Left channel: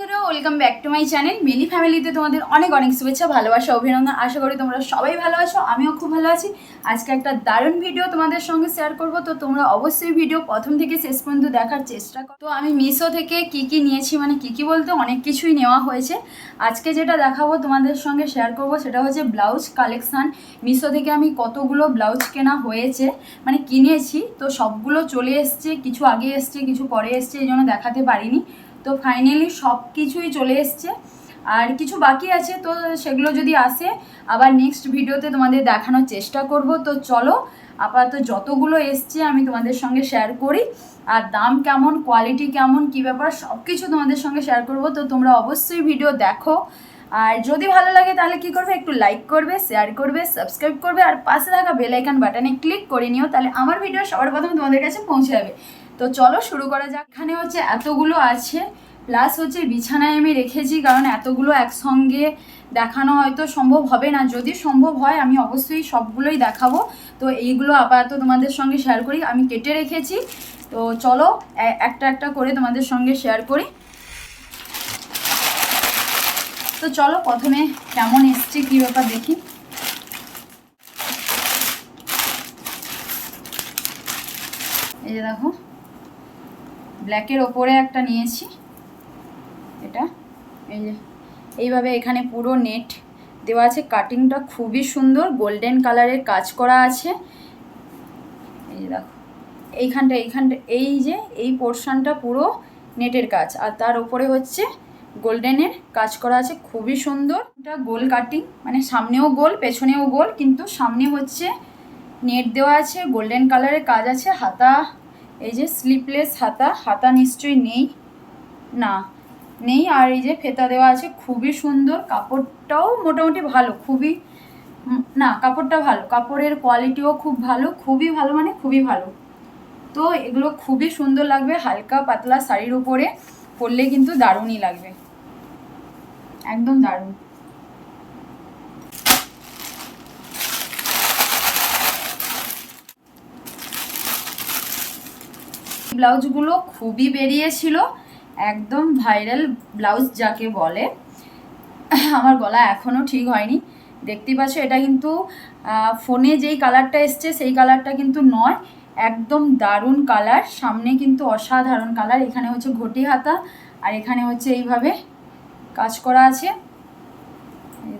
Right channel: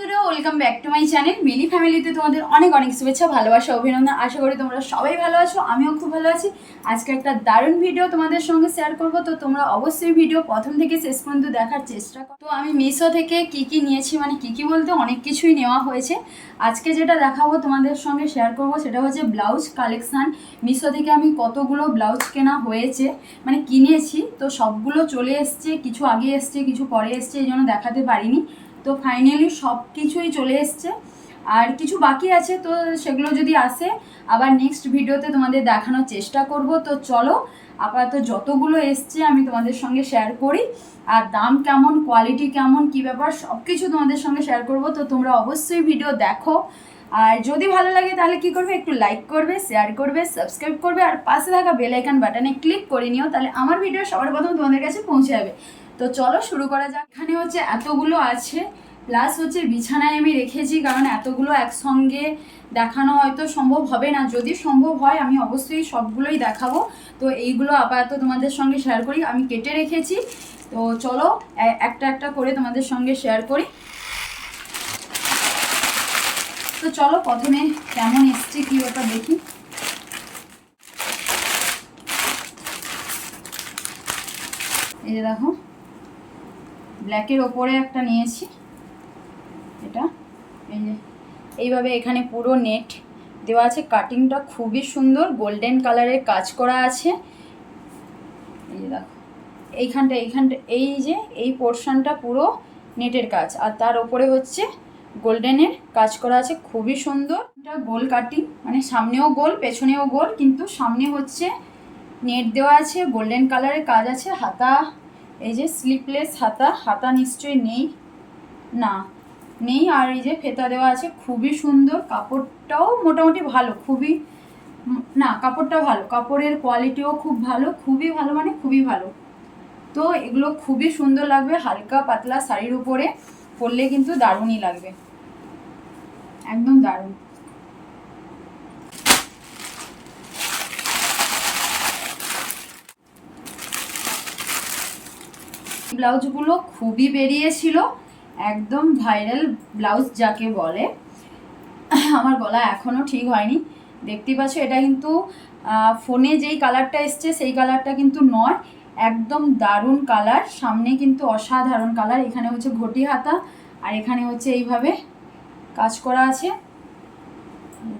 বন্ধুরা, welcome back to my channel Mili ফ্যামিলিতে তোমাদের অনেক অনেক শুভেচ্ছা, ভালোবাসা, অভিনন্দন। আশা করি তোমরা সবাই ভালো আছো, আমিও খুব ভালো আছি। আজকে একটা দারুণ ভিডিও তোমাদের সঙ্গে শেয়ার করব, তো তোমরা অবশ্যই ভিডিও প্রথম থেকে শেষ পর্যন্ত দেখার চেষ্টা করো। তো আমি মিশো থেকে কি নিয়েছি, মানে কি বলতে অনেক কিছুই নেওয়া হয়েছে। আজকে যেটা দেখাবো তোমাদের সঙ্গে শেয়ার করব সেটা হচ্ছে ব্লাউজ কালেকশান। মিশো থেকে আমি কতগুলো ব্লাউজ কেনা হয়েছে, মানে কিনেছি, তো সবগুলো চলে এসছে, কিছু আগে এসছে কিছু পরে এসছে, এই জন্য দেখাতে পারিনি। তো ফাইনালি সব কিছুই চলে এসছে, আর কিছু বাকি আছে, তো সেগুলো যদি আসে আবার নেক্সট ভিডিওতে তোমাদের দেখানোর চেষ্টা করব। তো চলো, আপাতত যতগুলো এসছে আমি তোমাদের সঙ্গে শেয়ার করি, আর দাম কেমন, কোয়ালিটি কেমন, কী ব্যাপার, সব কিছু তোমাদের সঙ্গে শেয়ার করব। তো তোমরা অবশ্যই ভিডিও দেখো, আর যদি ভালো লাগে তাহলে কি করবে, একটু লাইক করবে, শেয়ার করবে, সাবস্ক্রাইব করবে, আর পাশে থাকা বেল আইকন বাটনে ক্লিক করে নিও, তাহলে আমার ভিডিও সবার প্রথমে তোমাদের কাছে পৌঁছে যাবে। তো চলো শুরু করা যাক। এখানে হচ্ছে এতগুলো আছে, প্লাস হচ্ছে বিছানায় আমি রেখেছি, কারণ এতগুলো একসঙ্গে দেখানো হয়তো সম্ভব হবে না। যদি সম্ভব হয় আমি অবশ্যই সবগুলোই দেখাবো। তো এইগুলো আপাতত তোমাদের সঙ্গে শেয়ার করি, আমি কেটে রেখেছি। তো চলো একটা একটা করে তোমাদের সঙ্গে শেয়ার করি। তো চলো প্রথমে কেমন এসছে কী ব্যাপার দেখি। এই যে দেখো, ব্ল্যাকের ওপরে একটা নিয়েছি, এটা এই যে এইভাবে এখানে পুরো নেট দেওয়া আছে, কাটিংটা খুবই সুন্দর, গোল্ডেন কালারের কাজ করা আছে। এই যে দেখো এইখানটা এই যে এই পোর্শনটা পুরো নেটের কাজ, আর তার উপরে হচ্ছে গোল্ডেনের কাজ করা আছে, খুবই সুন্দর। এটা গোল কাটিং, মানে সামনেও গোল পেছনেও গোল, কিন্তু সামনে হচ্ছে নেট দেওয়া আছে, গোল্ডেন কালারের কাজ আছে। হাতা এই যে স্লিপলেস হাতা নিশ্চয়ই না নেই, আর এই যে ফেতা দেওয়া আছে, খুবই সুন্দর। কাপড়টাও মোটামুটি ভালো, খুবই না, কাপড়টা ভালো, কাপড়ের কোয়ালিটিও খুব ভালো, খুবই ভালো, মানে খুবই ভালো। তো এগুলো খুবই সুন্দর লাগবে, হালকা পাতলা শাড়ির উপরে পরলে কিন্তু দারুণই লাগবে, একদম দারুণ। ব্লাউজগুলো খুবই বেরিয়েছিল, একদম ভাইরাল ব্লাউজ যাকে বলে। আমার গলা এখনও ঠিক হয়নি, দেখতেই পাচ্ছ। এটা কিন্তু ফোনে যেই কালারটা এসছে সেই কালারটা কিন্তু নয়, একদম দারুণ কালার। সামনে কিন্তু অসাধারণ কালার, এখানে হচ্ছে ঘটি হাতা, আর এখানে হচ্ছে এইভাবে কাজ করা আছে।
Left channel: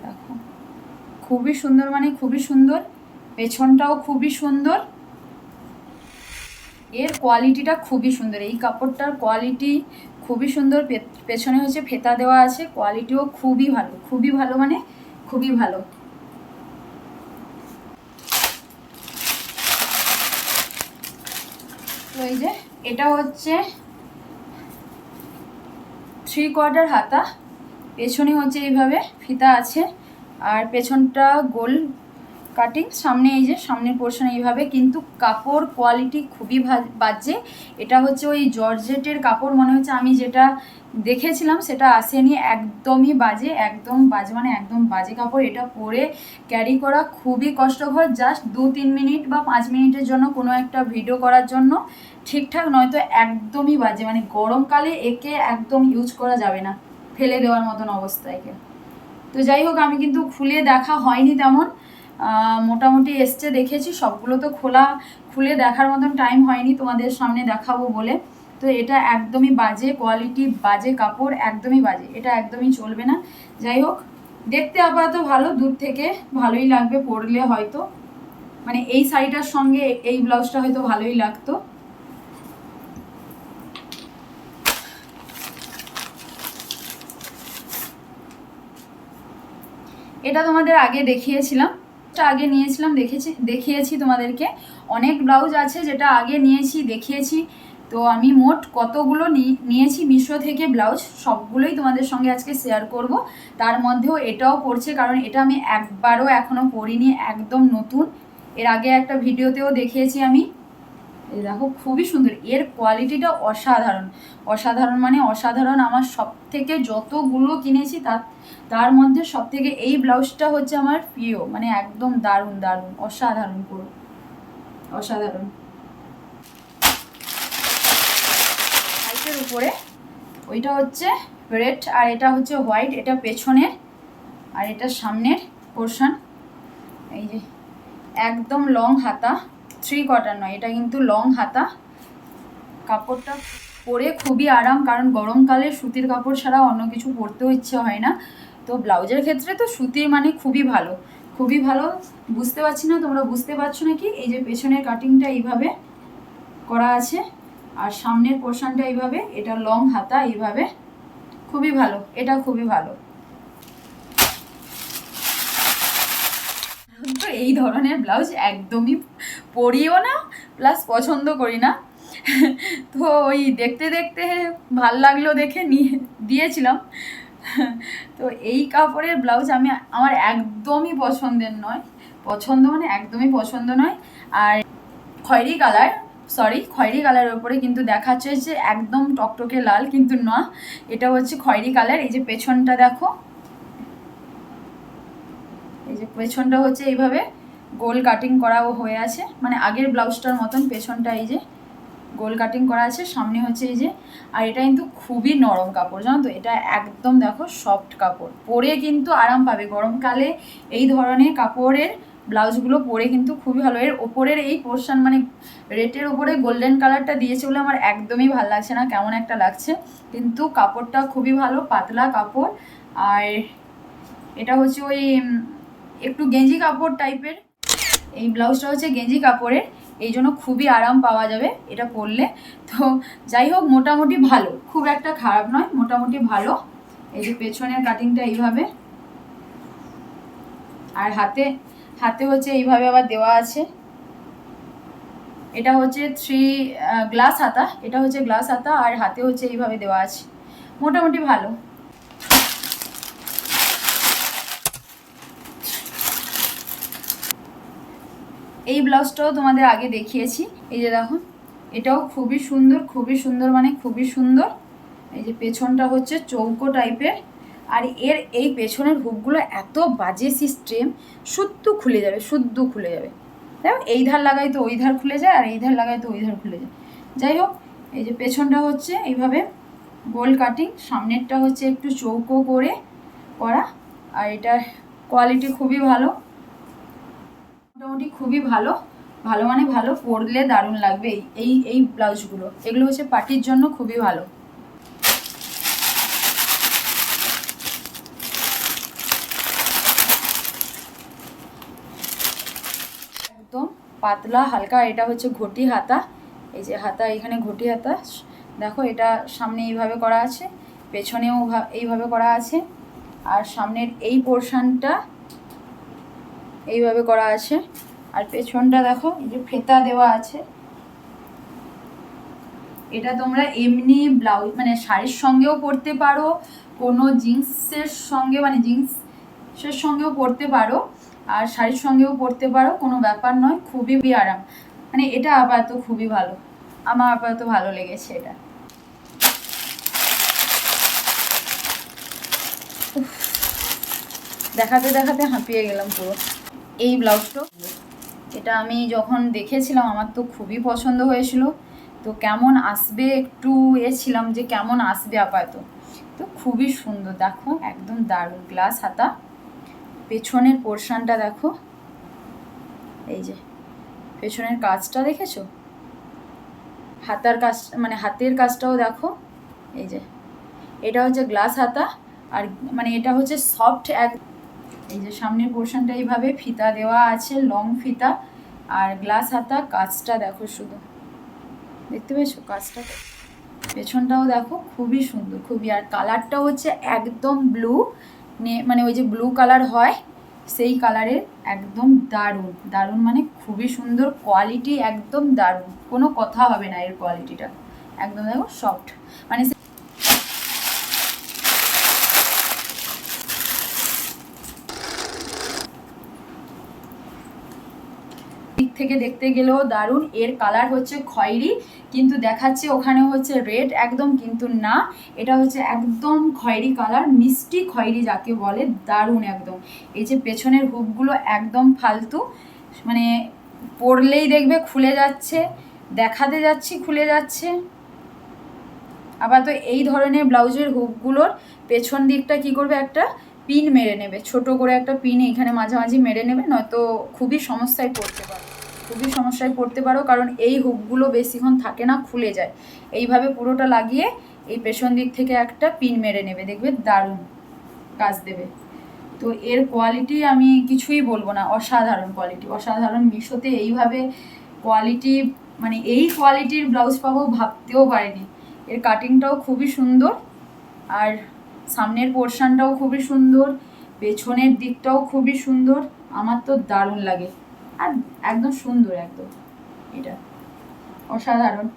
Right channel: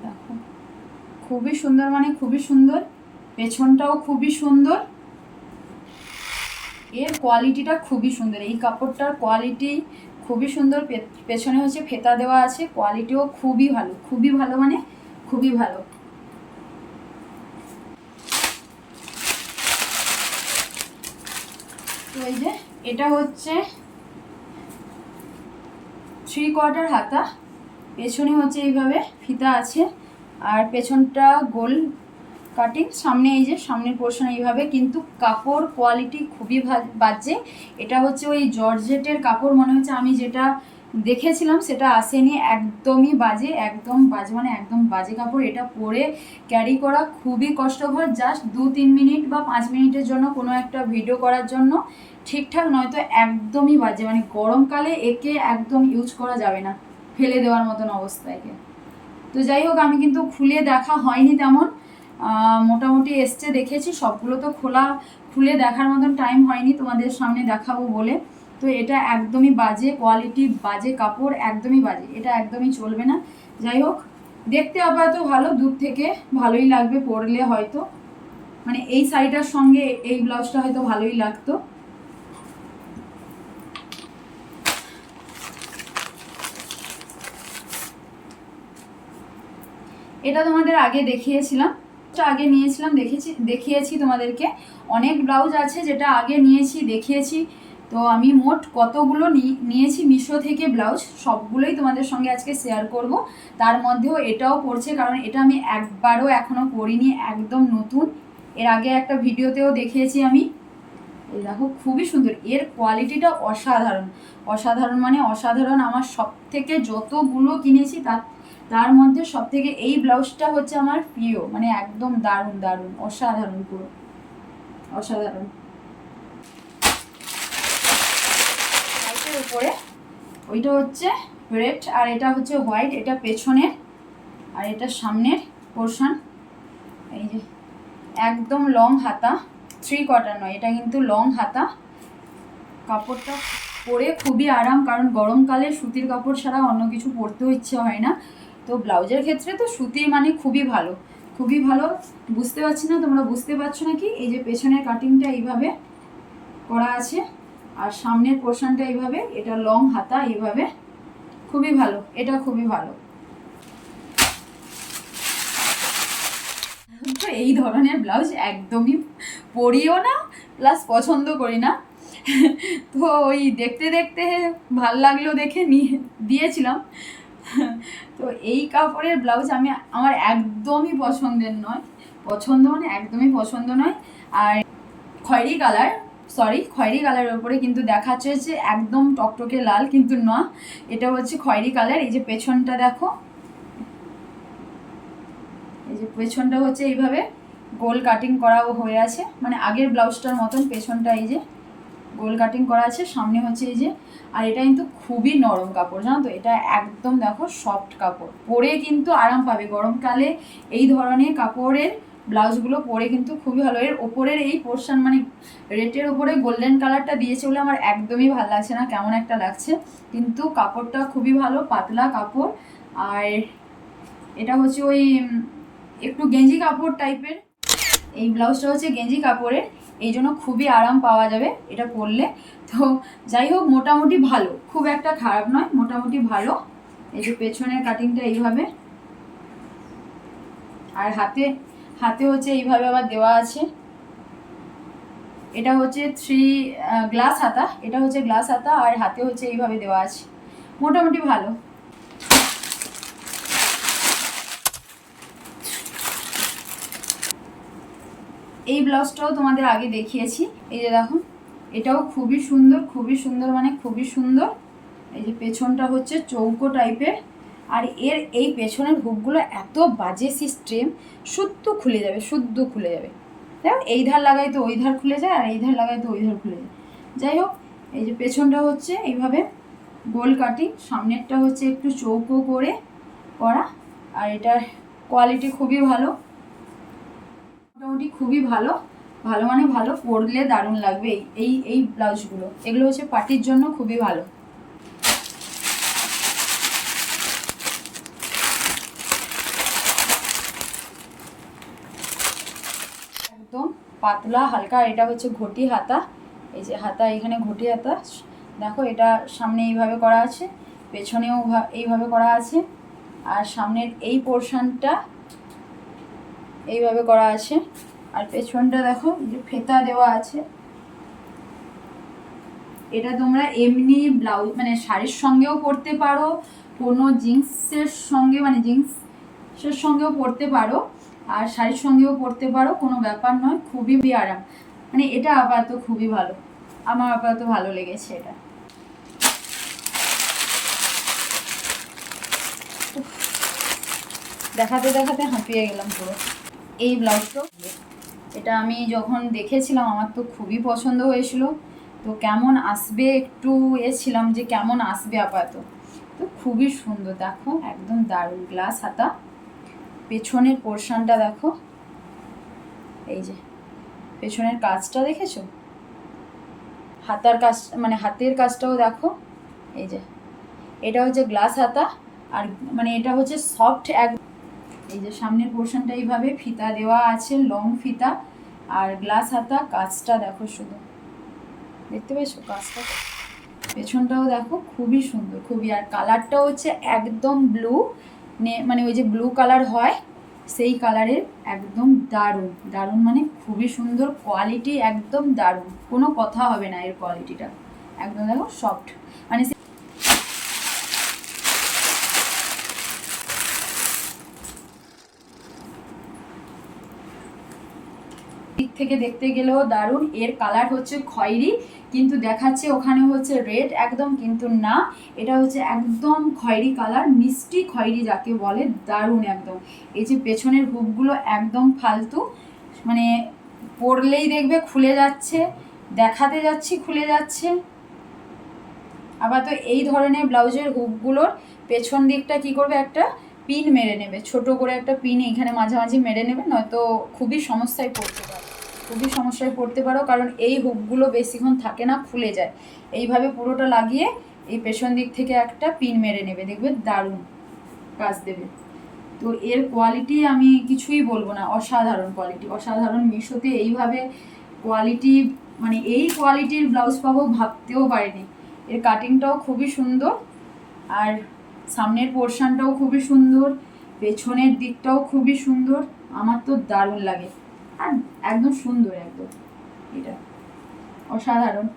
দেখো খুবই সুন্দর, মানে খুবই সুন্দর, পেছনটাও খুবই সুন্দর, এর কোয়ালিটিটা খুবই সুন্দর, এই কাপড়টার কোয়ালিটি খুবই সুন্দর। পেছনে হচ্ছে ফেতা দেওয়া আছে, কোয়ালিটিও খুবই ভালো, খুবই ভালো, মানে খুবই ভালো। তো এই যে এটা হচ্ছে 3/4 হাতা, পেছনে হচ্ছে এইভাবে ফিতা আছে, আর পেছনটা গোল কাটিং, সামনে এই যে সামনের পোর্শন এইভাবে, কিন্তু কাপড় কোয়ালিটি খুবই বাজে। এটা হচ্ছে ওই জর্জেটের কাপড় মনে হচ্ছে, আমি যেটা দেখেছিলাম সেটা আসেনি, একদমই বাজে, একদম বাজে, মানে একদম বাজে কাপড়। এটা পরে ক্যারি করা খুবই কষ্টকর, জাস্ট 2-3 মিনিট বা 5 মিনিটের জন্য কোনো একটা ভিডিও করার জন্য ঠিকঠাক, নয়তো একদমই বাজে, মানে গরমকালে একে একদম ইউজ করা যাবে না, ফেলে দেওয়ার মতন অবস্থা একে। তো যাই হোক, আমি কিন্তু খুলে দেখা হয়নি তেমন, মোটামুটি এসছে দেখেছি, সবগুলো তো খুলে দেখার মতন টাইম হয়নি তোমাদের সামনে দেখাবো বলে। তো এটা একদমই বাজে কোয়ালিটি, বাজে কাপড়, একদমই বাজে, এটা একদমই চলবে না। যাই হোক, দেখতে আপাতত ভালো, দূর থেকে ভালোই লাগবে পরলে হয়তো, মানে এই শাড়িটার সঙ্গে এই ব্লাউজটা হয়তো ভালোই লাগতো। এটা তোমাদের আগে দেখিয়েছিলাম, আগে নিয়েছিলাম, দেখিয়েছি তোমাদেরকে। অনেক ব্লাউজ আছে যেটা আগে নিয়েছি দেখিয়েছি। তো আমি মোট কতগুলো নিয়েছি মিশো থেকে ব্লাউজ, সবগুলোই তোমাদের সঙ্গে আজকে শেয়ার করব। তার মধ্যেও এটাও পড়ছে, কারণ এটা আমি একবারও এখনও পরিনি, একদম নতুন। এর আগে একটা ভিডিওতেও দেখিয়েছি আমি। এই দেখো খুবই সুন্দর, এর কোয়ালিটিটা অসাধারণ, অসাধারণ, মানে অসাধারণ। আমার সব থেকে যতগুলো কিনেছি তার মধ্যে সব থেকে এই ব্লাউজটা হচ্ছে আমার প্রিয়, মানে একদম দারুণ দারুণ, অসাধারণ, পুরো অসাধারণ। সাইটের উপরে ওইটা হচ্ছে রেড আর এটা হচ্ছে হোয়াইট, এটা পেছনের আর এটা সামনের পোর্শন। এই যে একদম লং হাতা, 3 কোয়ার্টার নয়, এটা কিন্তু লং হাতা। কাপড়টা পরে খুবই আরাম, কারণ গরমকালে সুতির কাপড় ছাড়া অন্য কিছু পরতেও ইচ্ছে হয় না। তো ব্লাউজের ক্ষেত্রে তো সুতির মানে খুবই ভালো, খুবই ভালো। বুঝতে পারছি না তোমরা বুঝতে পারছো নাকি? এই যে পেছনের কাটিংটা এইভাবে করা আছে আর সামনের পোর্শনটা এইভাবে, এটা লং হাতা এইভাবে, খুবই ভালো, এটা খুবই ভালো। তো এই ধরনের ব্লাউজ একদমই পরিও না, প্লাস পছন্দ করি না। তো ওই দেখতে দেখতে ভাল লাগলো দেখে নিয়ে দিয়েছিলাম। তো এই কাপড়ের ব্লাউজ আমার একদমই পছন্দের নয়, পছন্দ মানে একদমই পছন্দ নয়। আর খয়েরি কালারের ওপরে কিন্তু দেখাচ্ছে যে একদম টকটকে লাল, কিন্তু না, এটা হচ্ছে খয়েরি কালার। এই যে পেছনটা দেখো, এই যে পেছনটা হচ্ছে এইভাবে গোল কাটিং করা হয়ে আছে, মানে আগের ব্লাউজটার মতন পেছনটা এই যে গোল কাটিং করা আছে, সামনে হচ্ছে এই যে। আর এটা কিন্তু খুবই নরম কাপড়, জানো তো, এটা একদম দেখো সফট কাপড়, পরে কিন্তু আরাম পাবে। গরমকালে এই ধরনের কাপড়ের ব্লাউজগুলো পরে কিন্তু খুবই ভালো। এর ওপরের এই পোর্শন মানে রেটের ওপরে গোল্ডেন কালারটা দিয়েছে বলে আমার একদমই ভালো লাগছে না, কেমন একটা লাগছে। কিন্তু কাপড়টা খুবই ভালো, পাতলা কাপড়। আর এটা হচ্ছে ওই একটু গেঞ্জি কাপড় টাইপের, এই ব্লাউজটা হচ্ছে গেঞ্জি কাপড়ের, এই জন্য খুবই আরাম পাওয়া যাবে এটা পরলে। তো যাই হোক, মোটামুটি ভালো, খুব একটা খারাপ নয়, মোটামুটি ভালো। এই যে পেছনের কাটিংটা এইভাবে, আর হাতে হচ্ছে এইভাবে আবার দেওয়া আছে। এটা হচ্ছে 3 গ্লাস হাতা, এটা হচ্ছে গ্লাস হাতা, আর হাতে হচ্ছে এইভাবে দেওয়া আছে, মোটামুটি ভালো। এই ব্লাউজটাও তোমাদের আগে দেখিয়েছি, এই যে দেখো, এটাও খুবই সুন্দর, খুবই সুন্দর, মানে খুবই সুন্দর। এই যে পেছনটা হচ্ছে চৌকো টাইপের, আর এর এই পেছনের হুকগুলো এত বাজে সিস্টেম, শুদ্ধ খুলে যাবে, শুদ্ধ খুলে যাবে। দেখো, এই ধার লাগাই তো ওই ধার খুলে যায়, আর এই ধার লাগাই তো ওই ধার খুলে যায়। যাই হোক, এই যে পেছনটা হচ্ছে এইভাবে গোল কাটিং, সামনেরটা হচ্ছে একটু চৌকো করে করা। আর এটার কোয়ালিটি খুবই ভালো, মোটামুটি খুবই ভালো, ভালো মানে ভালো, পরলে দারুণ লাগবে। এই ব্লাউজগুলো, এগুলো হচ্ছে পার্টির জন্য খুবই ভালো। একদম পাতলা হালকা, এটা হচ্ছে ঘটি হাতা, এই যে হাতা, এখানে ঘটি হাতা দেখো, এটা সামনে এইভাবে করা আছে, পেছনেও এইভাবে করা আছে, আর সামনের এই পোর্শনটা এইভাবে করা আছে, আর পেছনটা দেখো এই যে ফেতা দেওয়া আছে। এটা তোমরা এমনি ব্লাউজ মানে শাড়ির সঙ্গেও পরতে পারো, কোনো জিন্সের সঙ্গে মানে জিন্সের সঙ্গেও পরতে পারো, আর শাড়ির সঙ্গেও পরতে পারো, কোনো ব্যাপার নয়, খুবই আরাম। মানে এটা আপাতত খুবই ভালো, আমার আপাতত ভালো লেগেছে এটা। দেখাতে দেখাতে হাঁপিয়ে গেলাম পুরো। এই ব্লাউজটা, এটা আমি যখন দেখেছিলাম আমার তো খুবই পছন্দ হয়েছিল। তো কেমন আসবে একটু ছিলাম যে কেমন আসবে আপাতত, তো খুবই সুন্দর, দেখো একদম দারুণ। গ্লাস হাতা, পেছনের পোর্শনটা দেখো, এই যে পেছনের কাজটা দেখেছো, হাতার কাজ মানে হাতের কাজটাও দেখো, এই যে এটা হচ্ছে গ্লাস হাতা, আর মানে এটা হচ্ছে সফট এক। এই যে সামনের পোর্শনটা এইভাবে ফিতা দেওয়া আছে, লং ফিতা, আর গ্লাস হাতা, কাজটা দেখো শুধু, দেখতে পেয়েছো কাজটা, পেছনটাও দেখো খুবই সুন্দর, খুবই। আর কালারটা হচ্ছে একদম ব্লু, মানে ওই যে ব্লু কালার হয় সেই কালারের, একদম দারুণ, দারুণ মানে খুবই সুন্দর, কোয়ালিটি একদম দারুণ, কোনো কথা হবে না এর কোয়ালিটিটা, একদম দেখো সফট, মানে দিক থেকে দেখতে গেলেও দারুণ। এর কালার হচ্ছে খয়েরি, কিন্তু দেখাচ্ছে ওখানে হচ্ছে রেড একদম, কিন্তু না, এটা হচ্ছে একদম খয়েরি কালার, মিষ্টি খয়েরি যাকে বলে, দারুণ একদম। এই যে পেছনের হুকগুলো একদম ফালতু, মানে পরলেই দেখবে খুলে যাচ্ছে, দেখাতে যাচ্ছি খুলে যাচ্ছে, আবার তো এই ধরনের ব্লাউজের হুকগুলোর পেছন দিকটা কি করবে, একটা পিন মেরে নেবে, ছোট করে একটা পিন এখানে মাঝামাঝি মেরে নেবে, নয়তো খুবই সমস্যায় পড়তে পারো, খুবই সমস্যায় পড়তে পারো, কারণ এই হুকগুলো বেশিক্ষণ থাকে না, খুলে যায়। এইভাবে পুরোটা লাগিয়ে এই পেছন দিক থেকে একটা পিন মেরে নেবে, দেখবে দারুণ কাজ দেবে। তো এর কোয়ালিটি আমি কিছুই বলবো না, অসাধারণ কোয়ালিটি, অসাধারণ। মিশোতে এইভাবে কোয়ালিটি, মানে এই কোয়ালিটির ব্লাউজ পাবো ভাবতেও পারিনি। এর কাটিংটাও খুবই সুন্দর, আর সামনের পোর্শনটাও খুবই সুন্দর, পেছনের দিকটাও খুবই সুন্দর। আমার তো দারুণ লাগে, আর একদম সুন্দর, একদম এটা অসাধারণ।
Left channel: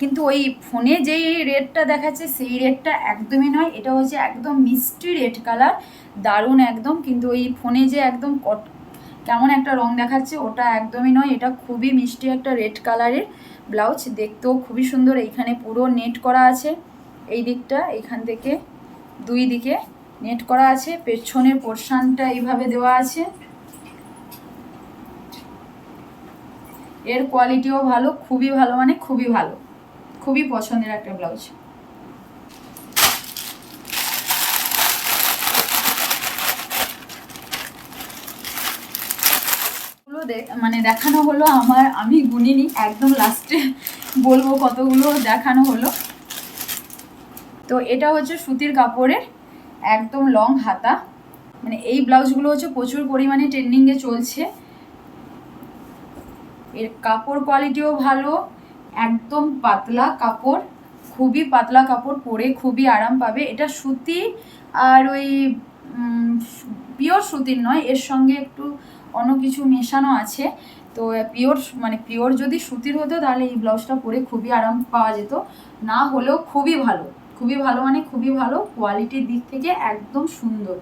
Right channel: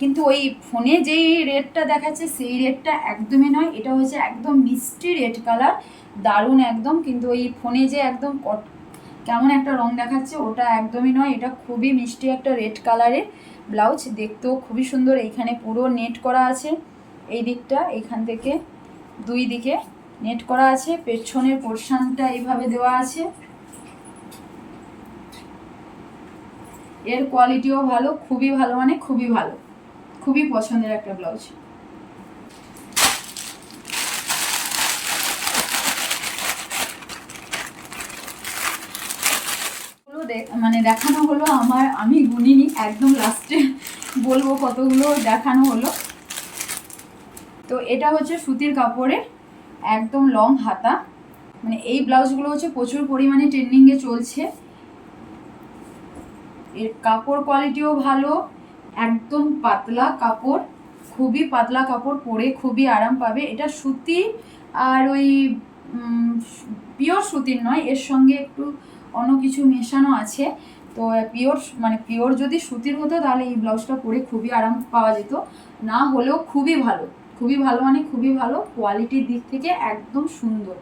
কিন্তু ওই ফোনে যেই রেডটা দেখাচ্ছে সেই রেডটা একদমই নয়, এটা হচ্ছে একদম মিষ্টি রেড কালার, দারুণ একদম। কিন্তু ওই ফোনে যে একদম কেমন একটা রং দেখাচ্ছে ওটা একদমই নয়, এটা খুবই মিষ্টি একটা রেড কালারের ব্লাউজ, দেখতেও খুবই সুন্দর। এইখানে পুরো নেট করা আছে, এই দিকটা এইখান থেকে দুই দিকে নেট করা আছে, পেছনের পোর্শনটা এইভাবে দেওয়া আছে। এর কোয়ালিটিও ভালো, খুবই ভালো, মানে খুবই ভালো, খুবই পছন্দের একটা ব্লাউজ। মানে দেখানো হলো আমার, আমি গুনিনি, একদম লাস্টে বলবো কতগুলো দেখানো হলো। তো এটা হচ্ছে সুতির কাপড়ের একদম লং হাতা, মানে এই ব্লাউজগুলো হচ্ছে প্রচুর পরিমাণে ট্রেন্ডিংয়ে চলছে। এর কাপড় কোয়ালিটিও ভালো, একদম পাতলা কাপড়, খুবই পাতলা কাপড়, পরে খুবই আরাম পাবে। এটা সুতি, আর ওই পিওর সুতির নয়, এর সঙ্গে একটু অন্য কিছু মেশানো আছে। তো পিওর, মানে পিওর যদি সুতির হতো তাহলে এই ব্লাউজটা পরে খুবই আরাম পাওয়া যেত, না হলেও খুবই ভালো, খুবই ভালো, মানে খুবই ভালো। কোয়ালিটির দিক থেকে একদম সুন্দর।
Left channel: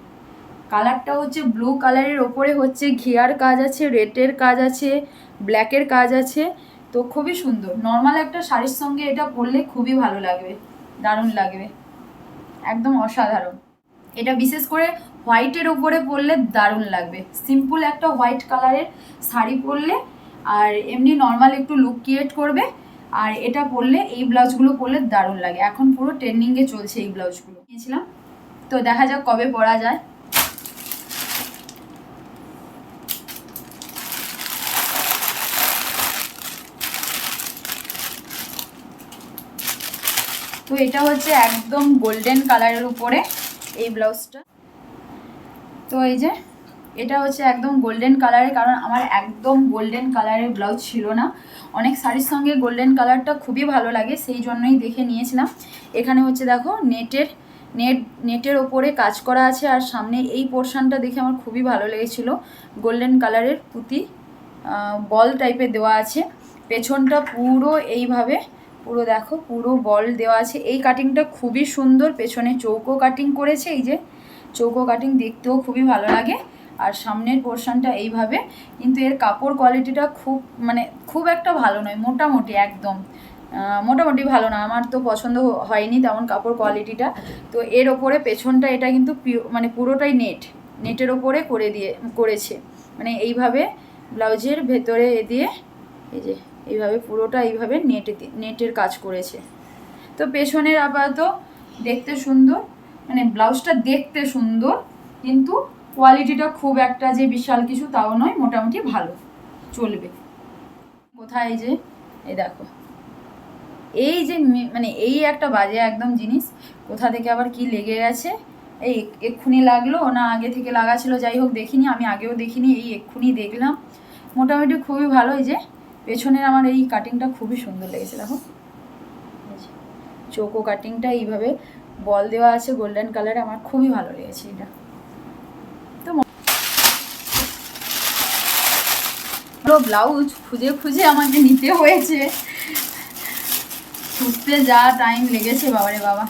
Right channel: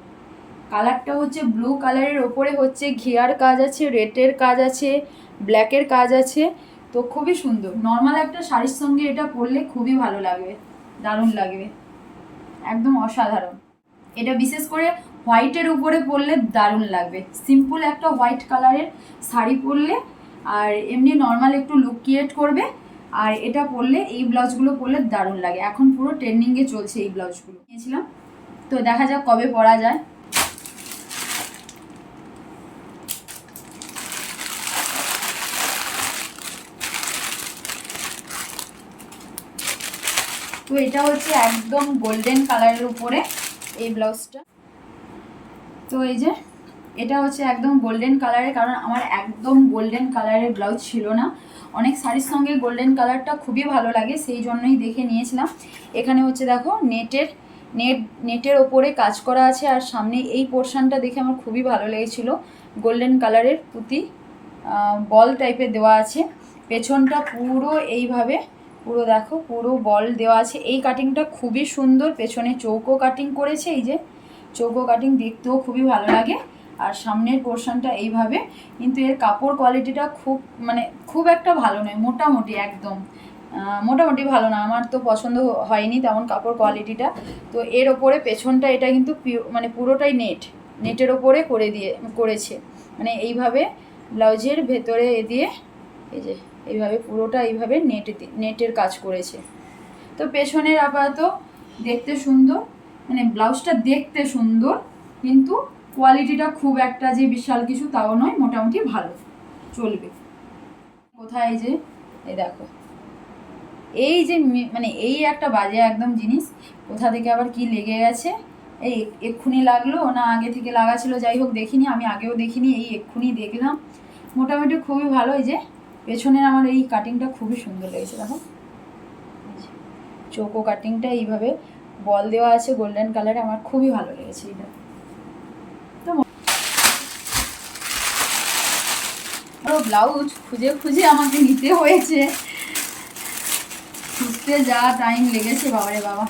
কালারটা হচ্ছে ব্লু কালারের ওপরে হচ্ছে ঘিয়ার কাজ আছে, রেডের কাজ আছে, ব্ল্যাকের কাজ আছে। তো খুবই সুন্দর, নর্মাল একটা শাড়ির সঙ্গে এটা পরলে খুবই ভালো লাগবে, দারুণ লাগবে, একদম অসাধারণ। এটা বিশেষ করে হোয়াইটের উপরে পরলে দারুণ লাগবে, সিম্পল একটা হোয়াইট কালারের শাড়ি পরলে, আর এমনি নর্মাল একটু লুক ক্রিয়েট করবে। আর এটা পরলে, এই ব্লাউজগুলো পরলে দারুণ লাগে, এখন পুরো ট্রেন্ডিংয়ে চলছে এই ব্লাউজগুলো। নিয়েছিলাম, তো দেখা যাক কবে পরা যায়। তো এটা হচ্ছে একদম গোল্ডেন কালারের উপরে এই ব্লাউজটা। তো এই যে এটা হচ্ছে একদম গোল্ডেন কালারের, কারণ আমার একদম গোল্ডেন কালারের ব্লাউজ ছিল না। অনেক শাড়ির সঙ্গে গোল্ডেন কালারটা খুবই ভালো লাগে, সেই জন্যই দেখে নিয়েছিলাম। এখানে হচ্ছে দেখো নেটের ওপরে কাজ করা আছে, আর সামনে এই পোর্শনটা দেখে আমার খুবই ভালো লেগেছিলো, গোল্ডেন কালারের পুঁতি বল টাইপের দেওয়া আছে। পেছনটা পুরো এইভাবে, পুরো দেখো পুরো বল দেওয়া আছে। এই কাটিংটা খুবই সুন্দর, পেছনে চৌকো কাটিং করেছে, এই যে চৌকো কাটিং, দেখতেও খুবই ভালো লাগে। আর সামনের পোর্শনটা এইভাবে, কিন্তু এর কাপড় কোয়ালিটিটা খুব একটা ভালো নয়, মোটামুটি একদম মোটামুটি ভালো না, আমার তো পছন্দ হয়নি তেমন কাপড় কোয়ালিটিটা। তো এর ওপরে পেছনটা এটা কিন্তু মানে পুরোটাই নেটের ওপরে করেছে, মানে এইভাবে ব্লাউজের ভেতরে দিয়ে, এই যে এইভাবে পুরোটা এইভাবে নেটের কাজ করেছে। তো পেছনের আপাতত দেখতে সুন্দর, মানে ব্লাউজটা দেখতে সুন্দর, কিন্তু কোয়ালিটিটা খুব একটা যে বিশাল কিছু তাও নয়, মোটামুটি ভালো চলবে। কোথায় যে এই দেখো, এই যে মানে এই একটা বাজে একদম জিনিস, কোথা থেকে আবার কি লেগে গেছে, এই এক্ষুনি লাগলো না আগে থেকে লাগা ছিল, যাই হোক দেখিনি, আমি আগেও দেখিনি, এই এক্ষুনি দেখলাম। মোটামুটি খুবই ভালো। এই যে পেছনের আমার এই কাটিংটা খুবই সুন্দর লেগেছে, দেখো চৌকো কাটিংটা এইভাবে বল দেওয়া আছে গোল্ডেন কালারে, আমার খুবই ভালো লেগেছে এটা। তো ব্লাউজ খুঁজে খুঁজে আমাকে নিতে হয়েছে, খুঁজতে যা টাইম লেগেছে বাবারে বাবা।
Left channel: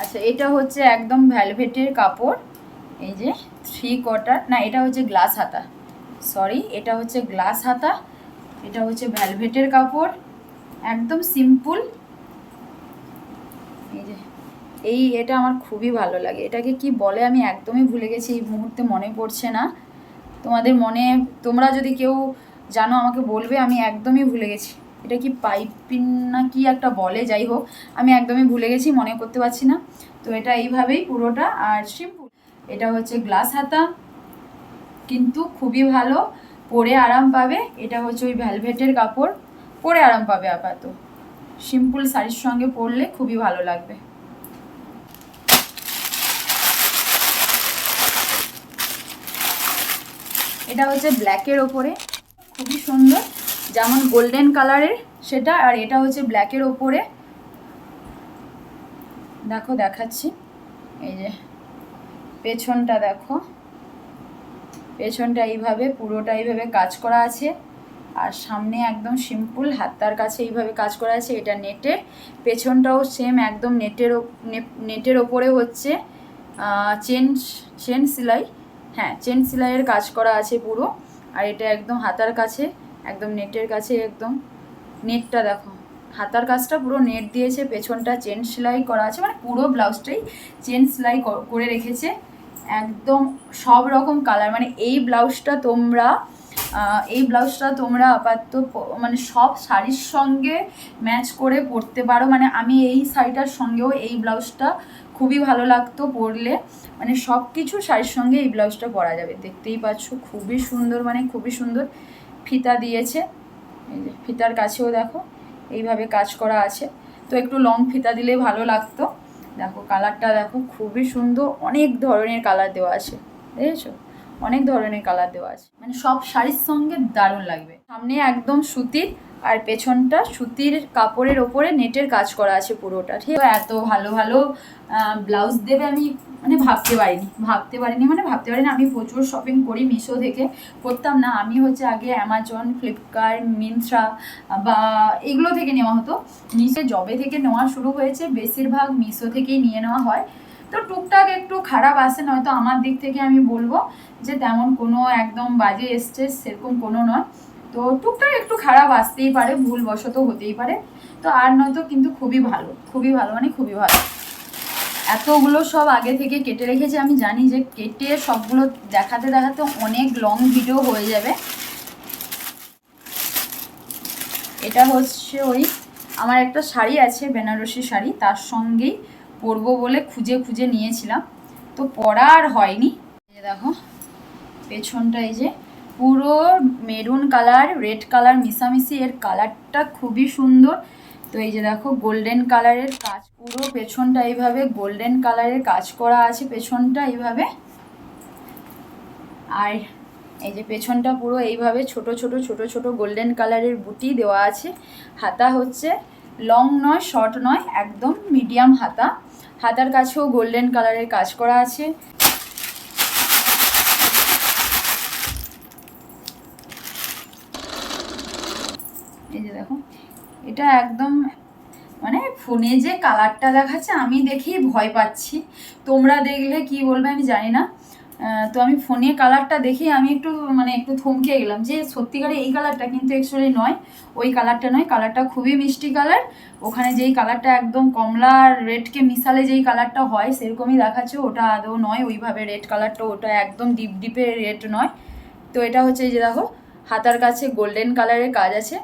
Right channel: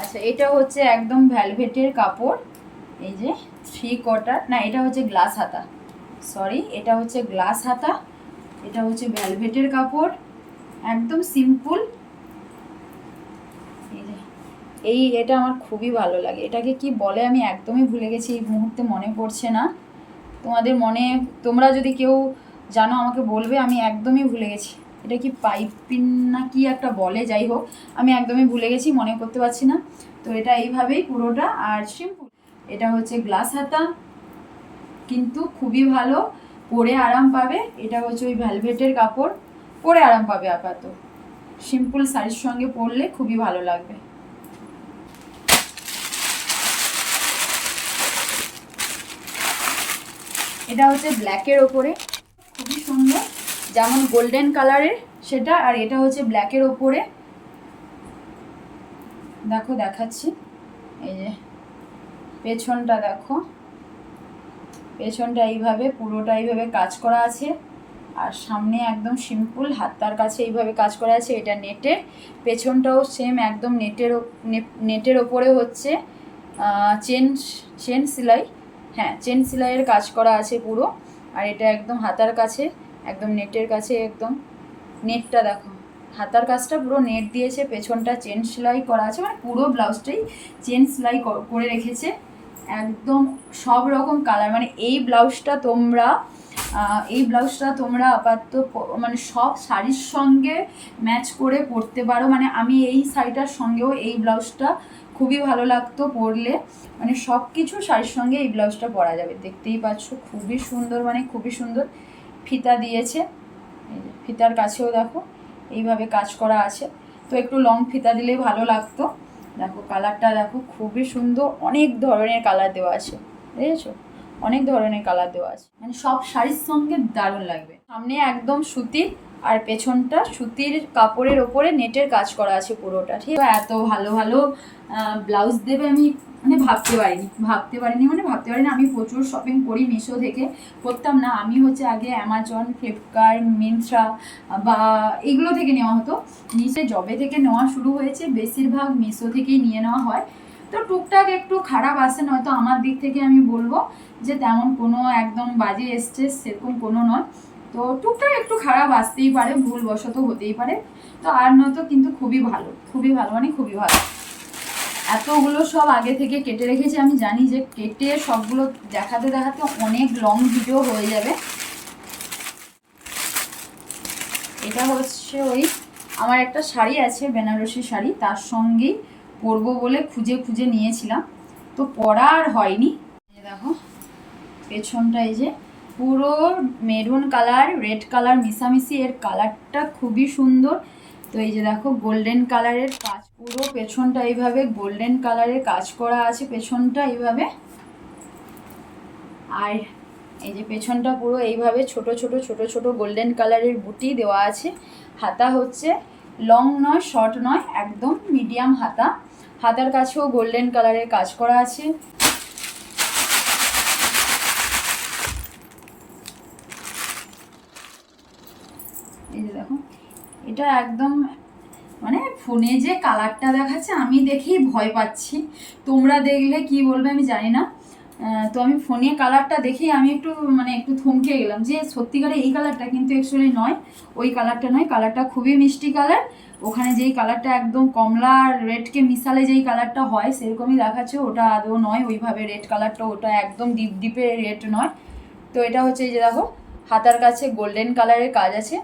আচ্ছা, এটা হচ্ছে একদম ভ্যালভেটের কাপড়, এই যে 3/4, না এটা হচ্ছে গ্লাস হাতা, সরি এটা হচ্ছে গ্লাস হাতা। এটা হচ্ছে ভ্যালভেটের কাপড়, একদম সিম্পল, এই যে এটা আমার খুবই ভালো লাগে। এটাকে কি বলে আমি একদমই ভুলে গেছি, এই মুহূর্তে মনে পড়ছে না। তোমাদের মনে, তোমরা যদি কেউ জানো আমাকে বলবে, আমি একদমই ভুলে গেছি। এটা কি পাইপিন না কি একটা বলে, যাই হোক আমি একদমই ভুলে গেছি, মনে করতে পারছি না। তো এটা এইভাবেই পুরোটা। আর সিম্পল, এটা হচ্ছে গ্লাস হাতা, কিন্তু খুবই ভালো, পরে আরাম পাবে। এটা হচ্ছে ওই ভ্যালভেটের কাপড়, পরে আরাম পাবে। আপাতত সিম্পল শাড়ির সঙ্গে পরলে খুবই ভালো লাগবে। এটা হচ্ছে ব্ল্যাকের ওপরে, খুবই সুন্দর, যেমন গোল্ডেন কালারের সেটা, আর এটা হচ্ছে ব্ল্যাকের ওপরে। দেখো দেখাচ্ছি, এই যে পেছনটা দেখো, পেছনটা এইভাবে পুরোটা এইভাবে কাজ করা আছে, আর সামনে একদম সিম্পল হাতার কাছে এইভাবে কাজ করা আছে। এটা নেটের, পেছনটাও সেম একদম নেটের ওপরে হচ্ছে চেন সেলাই, হ্যাঁ চেন সেলাইয়ের কাজ করা আছে পুরো। আর এটা একদম হাতার কাছে, একদম নেটের কাছে, একদম নেটটা দেখো, হাতার কাজটা পুরো নেট দিয়েছে, পেছনটা চেন সেলাই করা আছে, মানে পুরো ব্লাউজটাই চেন সেলাই করে রেখেছে। একদম সব রকম কালার, মানে এই ব্লাউজটা তোমরা আপাতত মানে সব শাড়ির সঙ্গে ম্যাচ করে পরতে পারো। মানে আমি এই শাড়িটার সঙ্গেও এই ব্লাউজটা খুবই ভালো লাগতো পরলে, মানে সব কিছু শাড়ির সঙ্গে এই ব্লাউজটা পরা যাবে। দেখতেই পাচ্ছ খুবই সুন্দর, মানে খুবই সুন্দর ফিতা দিয়েছে। এই যে ফিতার কাছেও দেখো এইভাবে কাজ করা আছে, তো একটু লং ফিতা দিলে ভালো লাগতো। দেখো কালারটা দেখো খুবই সুন্দর, অনেক ধরনের কালার দেওয়া আছে, দেখেছো অনেক ধরনের কালার দেওয়া আছে, মানে সব শাড়ির সঙ্গে দারুণ লাগবে। সামনে একদম সুতির, আর পেছনটা সুতির কাপড়ের ওপরে নেটের কাজ করা আছে পুরোটা, ঠিক আছে। এত ভালো ভালো ব্লাউজ দেবে আমি মানে ভাবতে পারিনি, আমি প্রচুর শপিং করি মিশো থেকে, করতাম না আমি, হচ্ছে আগে অ্যামাজন, ফ্লিপকার্ট, মিন্ত্রা বা এগুলো থেকে নেওয়া হতো। মিশো জবে থেকে নেওয়া শুরু হয়েছে, বেশিরভাগ মিশো থেকেই নিয়ে নেওয়া হয়। তো টুকটাক একটু খারাপ আসে, নয়তো আমার দিক থেকে আমি বলবো যে তেমন কোনো একদম বাজে এসছে সেরকম কোনো নয়। তো টুকটাক একটু খারাপ আসতেই পারে, ভুলবশত হতেই পারে, তো আর নয়তো কিন্তু খুবই ভালো, মানে খুবই ভালো। এতগুলো সব আগে থেকে কেটে রেখেছি, আমি জানি যে কেটে সবগুলো দেখাতে দেখাতে অনেক লং ভিডিও হয়ে যাবে। এটা হচ্ছে ওই আমার একটা শাড়ি আছে, বেনারসি শাড়ি, তার সঙ্গেই পরবো বলে খুঁজে খুঁজে নিয়েছিলাম, তো পরা আর হয়নি। দেখো পেছনটা এই যে পুরো মেরুন কালার রেড কালার মিশামিশি, এর কালারটা খুবই সুন্দর। তো এই যে দেখো গোল্ডেন কালারের কাজ, পুরো পেছনটা এইভাবে গোল্ডেন কালারের কাজ করা আছে পেছনটা এইভাবে। আর এই যে পেছনটা পুরো এইভাবে ছোট ছোট ছোট ছোট গোল্ডেন কালারের বুটি দেওয়া আছে। হাতা হচ্ছে লং নয়, শর্ট নয়, একদম মিডিয়াম হাতা। হাতার কাছেও গোল্ডেন কালারের কাজ করা আছে। এই যে দেখো, এটা একদম মানে ফোনে যে কালারটা দেখাচ্ছে আমি দেখেই ভয় পাচ্ছি, তোমরা দেখলে কি বলবে আমি জানি না। তো আমি ফোনে কালারটা দেখেই আমি একটু থমকে গেলাম যে সত্যিকারে এই কালারটা, কিন্তু অ্যাকচুয়ালি নয়, ওই কালারটা নয়। কালারটা খুবই মিষ্টি কালার, ওখানে যেই কালারটা একদম কমলা আর রেডকে মিশালে যেই কালারটা হয় সেরকমই দেখাচ্ছে, ওটা আদৌ নয় ওইভাবে রেড কালারটা, ওটা একদম ডিপে রেড নয়। তো এটা হচ্ছে এই যে দেখো হাতার কাছে গোল্ডেন কালারের কাজ আছে।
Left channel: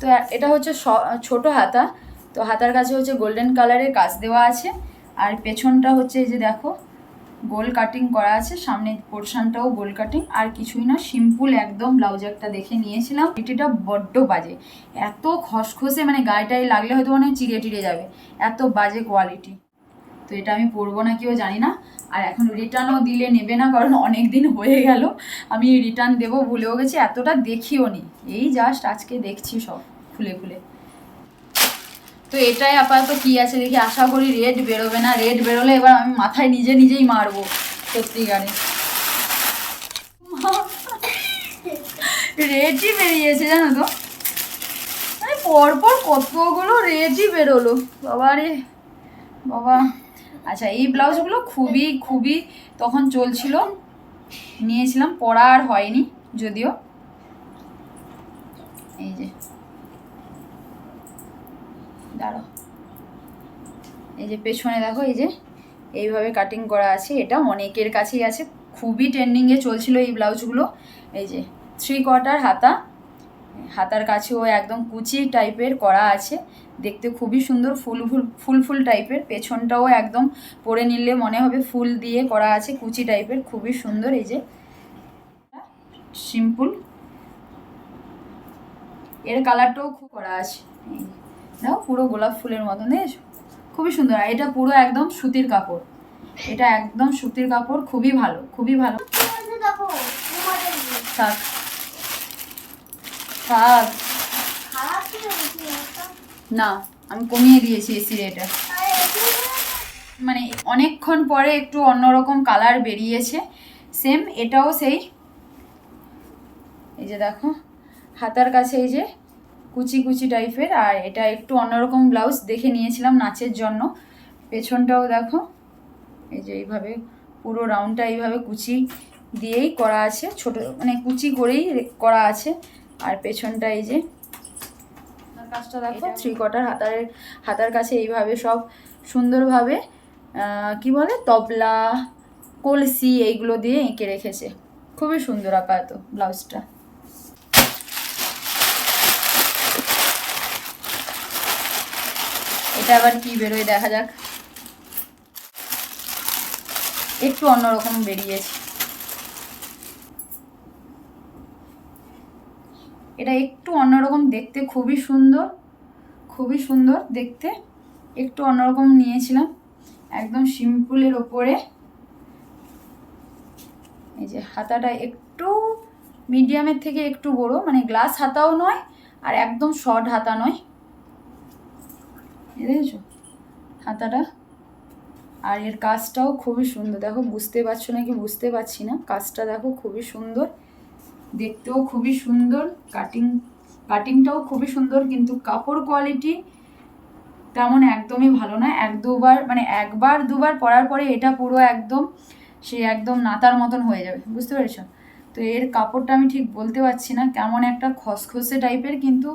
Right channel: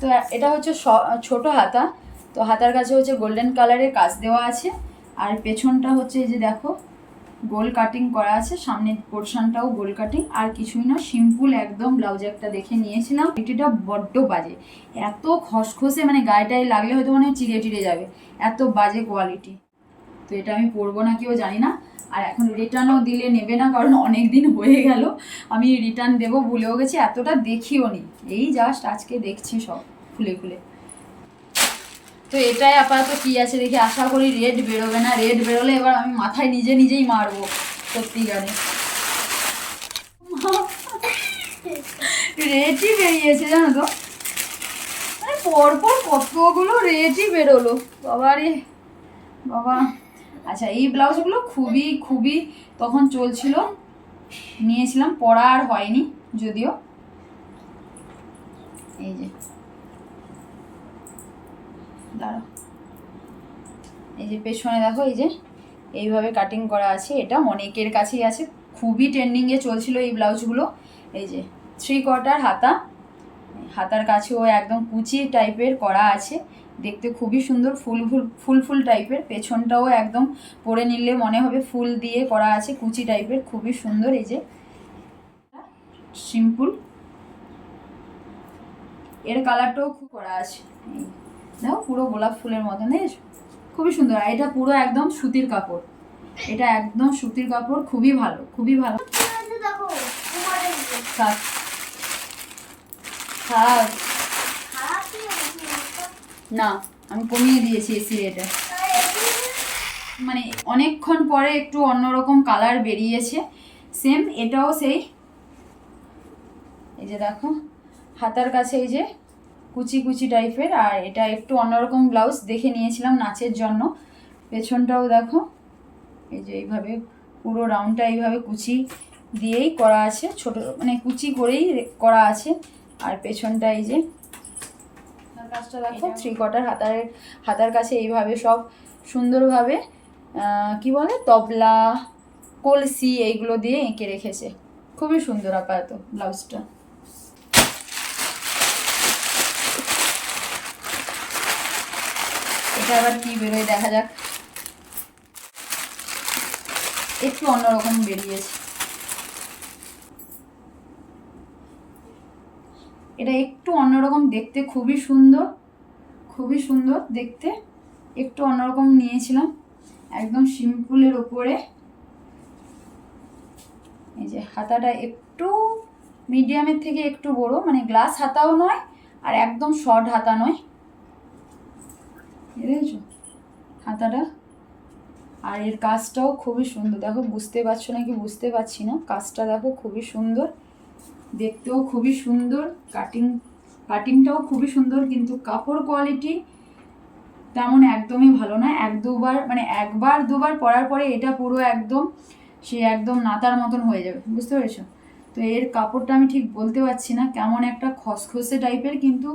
তো এটা হচ্ছে ছোট হাতা, তো হাতার কাছে হচ্ছে গোল্ডেন কালারের কাজ দেওয়া আছে। আর পেছনটা হচ্ছে এই যে দেখো গোল কাটিং করা আছে, সামনের পোর্শনটাও গোল কাটিং, আর কিছুই না, সিম্পল একদম ব্লাউজ একটা দেখে নিয়েছিলাম। কোয়ালিটিটা বড্ড বাজে, এত খসখসে, মানে গায়েটায় লাগলে হয়তো মনে হয় চিড়ে টিড়ে যাবে, এত বাজে কোয়ালিটি। তো এটা আমি পরবো না কিও জানি না, আর এখন রিটার্নও দিলে নেবে না, কারণ অনেক দিন হয়ে গেল আমি রিটার্ন দেবো ভুলেও গেছি, এতটা দেখিও নি, এই জাস্ট আজকে দেখছি সব খুলে খুলে। তো এটাই আপাতত কি আছে দেখি, আশা করি রেড বেরোবে না, রেড বেরোলে এবার আমি মাথায় নিজেই মারবো সত্যিকারে। রেডই বেরিয়েছে জানো তো, মানে পরপর কতগুলো রেডই বেরোলো বাবারে বাবা। আচ্ছা এই ব্লাউজগুলো খুবই খুবই তখন চলছিল, নিয়েছিলাম, পরা আর হয়নি যদিও। এই যে দাঁড়াও, এই যে পেছনে দেখো এই যে এইভাবে কাটিং করা আছে, এটা অনেকের কাছেই আছে, খুবই ট্রেন্ডিংয়ে চলছিল এই ব্লাউজগুলো। এই যে 3/4 হাতা, হাতার কাছেও একদম কুচি টাইপের করা আছে, দেখতে খুবই সুন্দর, ফুল টাইপের। পেছনটাও একদম পরে নিলে মনে হবে ফুল দিয়ে করা আছে, কুচি টাইপের, খুবই সুন্দর। এই যে সিম্পল, এর কালারটাও খুব করা আছে, দেখো পুরো গোলাপ ফুলের মতন, দেখেছো, খুবই সুন্দর। আর এটা পুরো একদম সুতির কাপড়, এটা একদম সুতির কাপড়, খুবই ভালো, খুবই ভালো। থাক থাক, না আমি কমিয়ে দিয়েছি এসি রেটে, মানে অনেকক্ষণ পরে একটু অন্যরকম কালার বেরিয়েছে। সেম এটাও সেই, এই যে দেখো হাতার কাছে এই যে কুচি কুচি টাইপের, আর এটা একটু অন্যরকম ব্লাউজ দেখে নিয়েছিলাম নাচের জন্য। পেছনটাও দেখো এই যে এইভাবে পুরো রাউন্ডটা এইভাবে কুচি দিয়েই করা আছে, ছোট মানে কুচি করেই করা আছে। আর পেছনটা এই যে কাজটা দেখো 3/4 হাতার কাছে এইভাবে সব সুন্দরভাবে কি বলে তবলা, কলসি এইগুলো দিয়ে এঁকে রেখেছে, খুবই সুন্দর আপাতত ব্লাউজটা। এটা আবার কি বেরোয় দেখা যাক, একটু অন্যরকম বেরিয়েছে, এটা একটু অন্যরকম দেখতে, খুবই সুন্দর, খুবই সুন্দর দেখতে, একটু অন্যরকম নিয়েছিলাম, একদম সিম্পলের ওপরে। এই যে হাতাটা একটু মিডিয়ামের থেকে একটু বড়, মানে গ্লাস হাতাও নয় আর একদম শর্ট হাতা নয়, দেখেছো হাতাটা। আর এর কাজটাও খুবই সুন্দর, দেখো বুঝতে পারছো নাকি বুঝতে পারছি না, কাজটা দেখো খুবই সুন্দর, দেখতেও খুবই সুন্দর, কাটিংটাও খুবই সুন্দর, কিন্তু কাপড় কোয়ালিটি তেমন একদমই ভালো না। একবার দুবার পরার পরে এটা পুরো একদম সে একদম নাতার মতন হয়ে যাবে, বুঝতে পেরেছো? তো এর কাপড়টা আমি ঠিক বলতে পারছি না, কেমন একটা খসখসে টাইপের, কিন্তু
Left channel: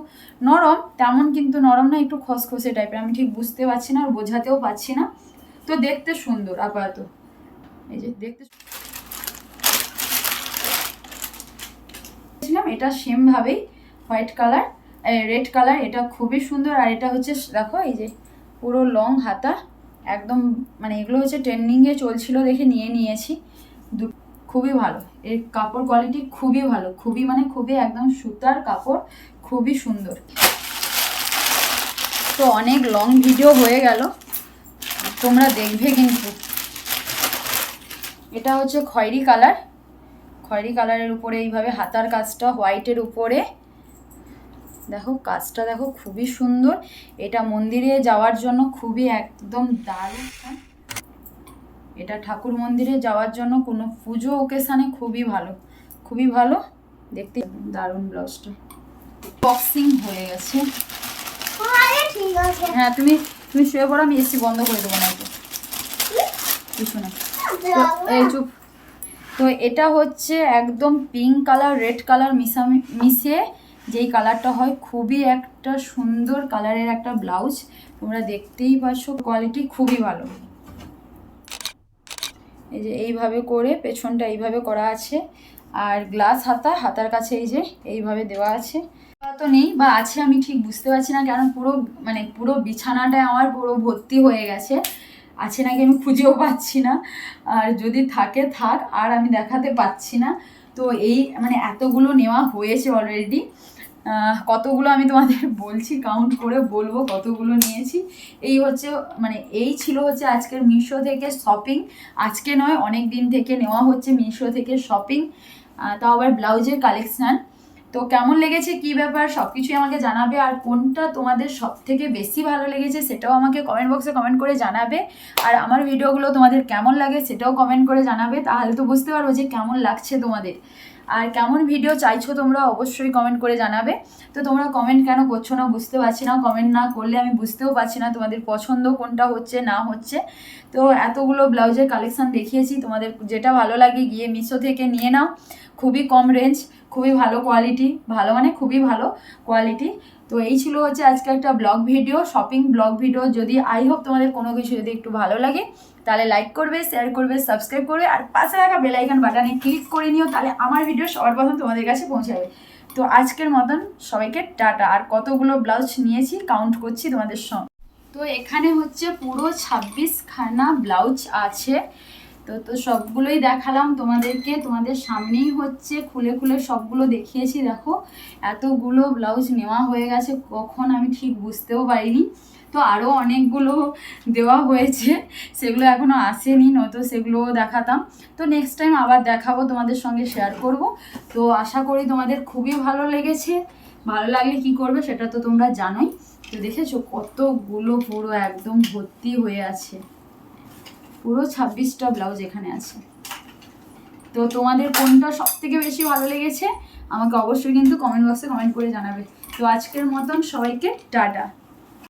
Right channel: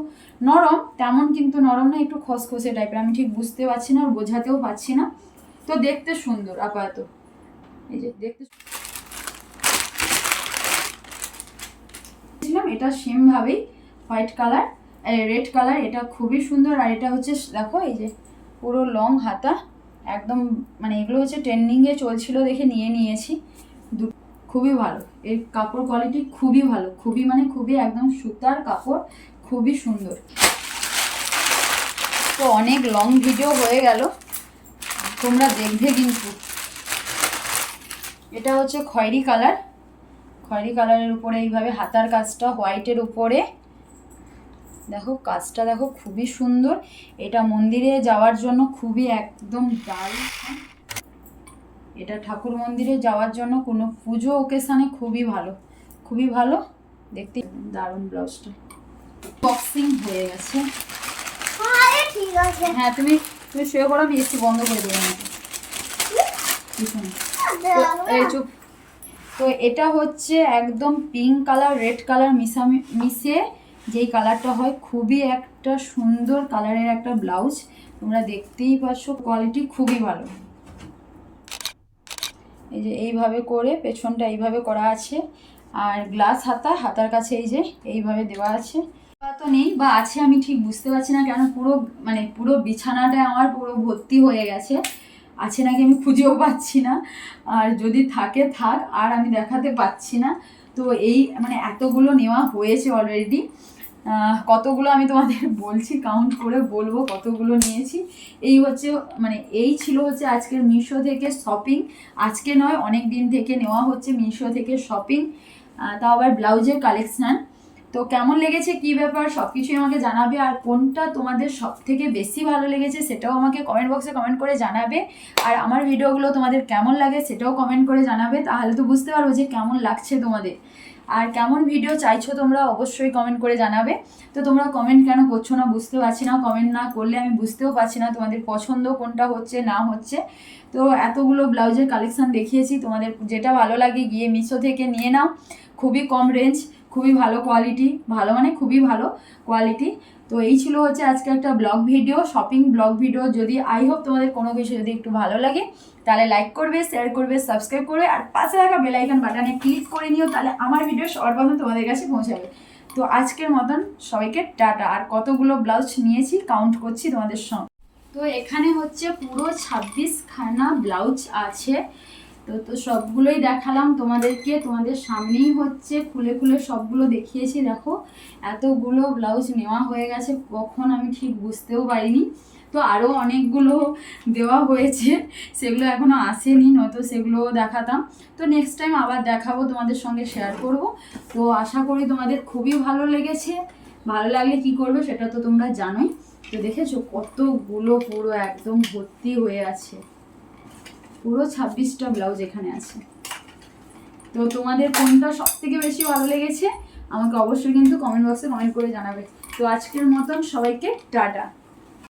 নরম, তেমন কিন্তু নরম না, একটু খসখসে টাইপের, আমি ঠিক বুঝতে পারছি না আর বোঝাতেও পারছি না। তো দেখতে সুন্দর আপাতত, এই যে দেখতে এটা সেম ভাবেই হোয়াইট কালার, রেড কালার, এটা খুবই সুন্দর। আর এটা হচ্ছে দেখো এই যে পুরো লং হাতা, একদম মানে এগুলো হচ্ছে ট্রেন্ডিংয়ে চলছিল দেখে নিয়ে নিয়েছি, খুবই ভালো, এর কাপড় কোয়ালিটি খুবই ভালো, খুবই মানে খুবই একদম সুতার কাপড়, খুবই সুন্দর। তো অনেক লং ভিডিও হয়ে গেল, তোমরা দেখবে কিন্তু। এটা হচ্ছে খয়েরি কালার, খয়েরি কালারের উপরে এইভাবে হাতার কাজটা হোয়াইটের উপরে, দেখো কাজটা দেখো খুবই সুন্দর, এটা মন্দিরে যাওয়ার জন্য খুবই একদম দারুণ, এটা ঠাকুর মন্দিরে যাওয়ার জন্য কোনো পুজো ওকেশানে খুবই ভালো, খুবই ভালো দেখতে, দারুণ ব্লাউজটা। বক্সিং হয়ে গেছে, হ্যাঁ তুমি শুয়ে পড়ো, আমি এসি বন্ধ করে দেবো নাকি পিছনে। তো এই চুপ। তো এটা হচ্ছে একদম পিঙ্ক কালার রেড কালার মিশে যেই কালারটা হয়, খুবই একটা সুন্দর কালারের একটা ব্লাউজ, তোমরা দেখতেই পাচ্ছ, কোয়ালিটি খুবই ভালো। এই যে এইভাবে করে পেছনটা এইভাবে করা আছে, আর গ্লাস হাতা, হাতার কাছে এই যে এইভাবে দেওয়া আছে, তো নেই বা আছে আমি ঠিক বুঝতে পারছি না, কারণ পুরো বিছানাটা আমার পুরো ভর্তি হয়ে গেছে, আছে নাকি আমি খুঁজেও পাচ্ছি না, আর যদি থাকে থাক, আর আমি দেখাতে পাচ্ছি না। তো এই মানে এতগুলো নেওয়া হয়েছে অলরেডি, কতগুলো আমি তোমাদের বলছি, কাউন্ট করে বলবো কতগুলো নিয়েছি। এই হচ্ছে মানে এই ছিল হচ্ছে আজকের মিশো থেকে শপিং, আজকে নয় অনেক দিন থেকে নেওয়া হচ্ছে মিশো থেকে শপিং, তাও আবার ব্লাউজের কালেকশান। তো কেমন লেগেছে, কি ব্যাপার, সব কিছুই আমাকে জানাবে, আর কোনটা তোমাদের সব থেকে বেশি ভালো লেগেছে সেটাও আমাকে কমেন্ট বক্সে কমেন্ট করে জানাবে, আর আমার ভিডিওগুলো তোমাদের কেমন লাগে সেটাও কমেন্ট করে জানাবে, তাহলে তো বুঝতে পারবো যে কেমন লাগছে তোমাদের, আর কেমন ভিডিও চাইছো তোমরা অবশ্যই কমেন্ট করে জানাবে। তো তোমরা কমেন্ট কেন করছো না বুঝতে পারছি না, কমেন্ট না করলে আমি বুঝতেও পারছি না তোমাদের পছন্দ কোনটা হচ্ছে না হচ্ছে। তো এতগুলো ব্লাউজের কালেকশান দেখিয়েছি, তোমাদের যেটা ভালো লাগে গিয়ে মিশো থেকে নিয়ে নাও, খুবই কম রেঞ্জ, খুবই ভালো কোয়ালিটি, ভালো মানে খুবই ভালো কোয়ালিটি। তো এই ছিল হচ্ছে আজকে একটা blog video, shopping blog video. যদি আই হোপ তোমাদের কোনো কিছু যদি একটু ভালো লাগে তাহলে লাইক করবে, শেয়ার করবে, সাবস্ক্রাইব করবে, আর পাশে রাখা বেল আইকন বাটনে ক্লিক করে নিও, তাহলে আমার ভিডিও সবার প্রথম তোমাদের কাছে পৌঁছাবে। তো আজকের মতন সবাইকে টাটা। আর কতগুলো ব্লাউজ নিয়েছি কাউন্ট করছি তোমাদের সঙ্গে। তো এখানে হচ্ছে পুরো 26খানা ব্লাউজ আছে। তো সবগুলোই দেখালাম তোমাদেরকে, তোমাদের সামনেই হচ্ছে খুলে খুলে সবগুলো দেখিয়েছি। দেখো এতগুলো ব্লাউজ নেওয়া হয়ে গেছে, কখন আমি ঠিক বুঝতেও পারিনি। তো আরও অনেকগুলো দেওয়া হয়েছে, সেগুলো এখনও আসেনি, নয়তো সেগুলোও দেখাতাম। তো নেক্সট টাইম আবার দেখাবো, তোমাদের সঙ্গে শেয়ার করব। তো আশা করি তোমাদের খুবই ভালো লেগেছে। ভালো লাগলে কি করবে সেটা তো তোমরা জানোই। তো দেখেছো কতগুলো পুরো একদম ভর্তি হয়ে আছে, পুরো 26টা ব্লাউজ এখানে আছে। তো তোমাদের কোনটা সব থেকে বেশি ভালো লেগেছে আমাকে অবশ্যই কিন্তু কমেন্ট বক্সে কমেন্ট করে জানাবে। তো আজকের মতন সবাইকে টাটা।